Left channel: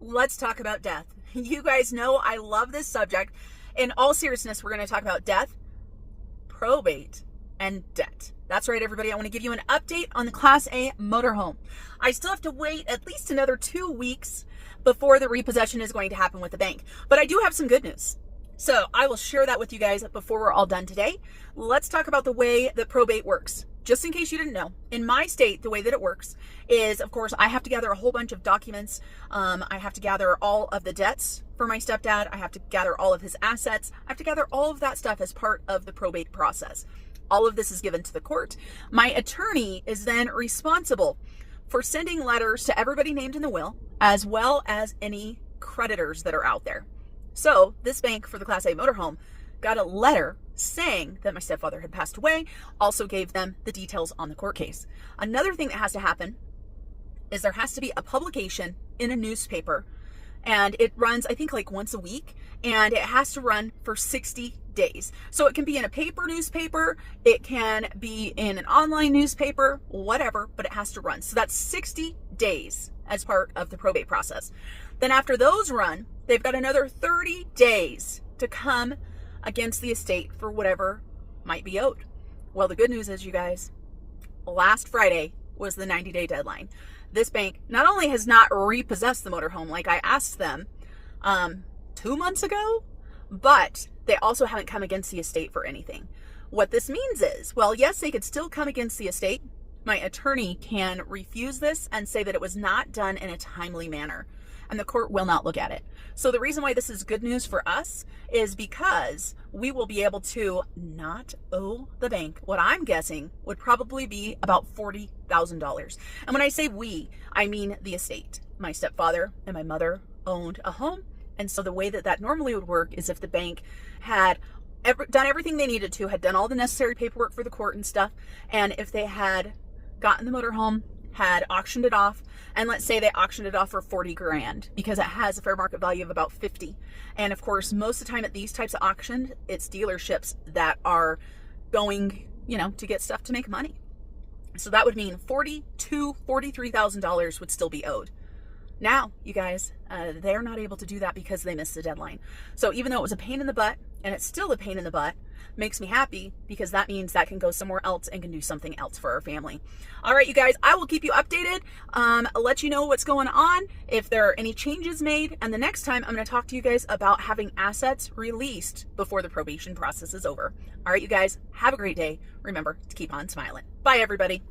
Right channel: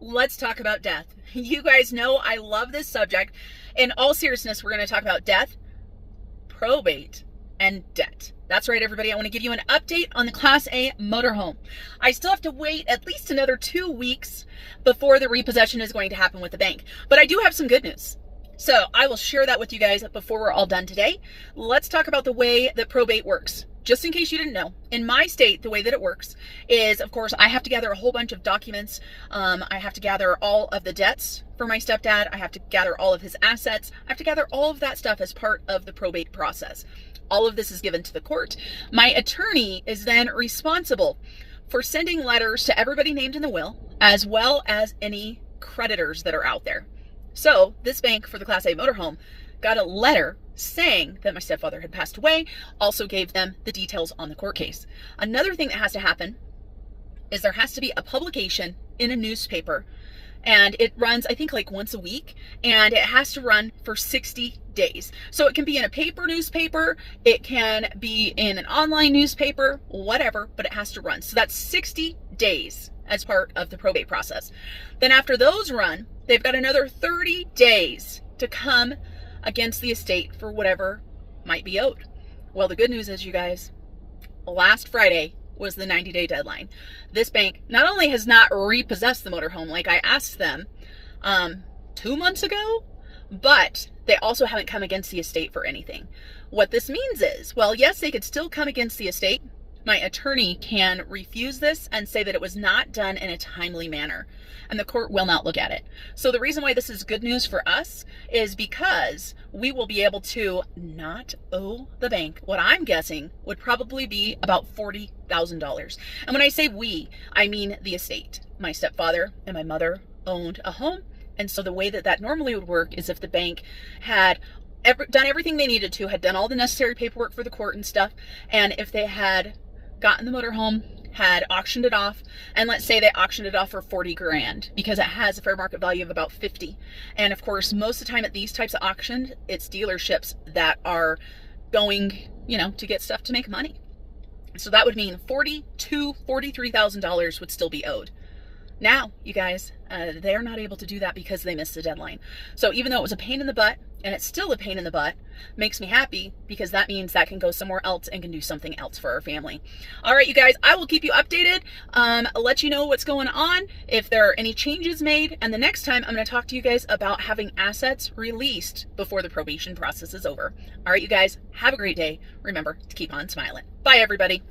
let's talk about death. You guys know I love this subject. In all seriousness, we're going to talk about death, probate, and debt. That's right, everybody. I want to give you an update on the Class A motorhome. I still have to wait at least another 2 weeks before the repossession is going to happen with the bank. But I do have some good news. So I will share that with you guys before we're all done today. Let's talk about the way that probate works. Just in case you didn't know, in my state, the way that it works is, of course, I have to gather a whole bunch of documents. I have to gather all of the debts for my stepdad. I have to gather all of his assets. I have to gather all of that stuff as part of the probate process. All of this is given to the court. My attorney is then responsible for sending letters to everybody named in the will, as well as any creditors that are out there. So this bank for the Class A motorhome got a letter saying that my stepfather had passed away, also gave them the details on the court case. Another thing that has to happen is there has to be a publication in a newspaper, and it runs, I think, like once a week, and it has to run for 60 days. So it can be in a paper newspaper, it can be in an online newspaper, whatever, but it has to run. So that's 60 days as part of the probate process. Then after those run, they've got another 30 days to come against the estate for whatever might be owed. Well, the good news is, you guys, last Friday was the 90-day deadline. This bank not only has not repossessed the motorhome like I asked them 2 months ago, but they also haven't come against the estate for anything. What this means is, well, yes, they could still come against the estate. My attorney can refuse this and say that it was not done in a timely manner, and the court will not look at it. So the reason why this is good news for us is because we will be able to not owe the bank what I'm guessing would probably be about $40,000. And when I say we, I mean the estate. My stepfather and my mother owned a home, and so the way that that normally would work is if the bank had done everything they needed to, had done all the necessary paperwork for the court and stuff, and if they had gotten the motorhome, had auctioned it off, and let's say they auctioned it off for 40 grand because it has a fair market value of about 50. And of course, most of the time at these types of auctions, it's dealerships that are going, to get stuff to make money. So that would mean $43,000 would still be owed. Now, you guys, they're not able to do that because they missed the deadline. So even though it was a pain in the butt, and it's still a pain in the butt, makes me happy because that means that can go somewhere else and can do something else for our family. All right, you guys, I will keep you updated. I'll let you know what's going on, if there are any changes made. And the next time I'm going to talk to you guys about having assets released before the probation process is over. All right, you guys, have a great day. Remember to keep on smiling. Bye, everybody.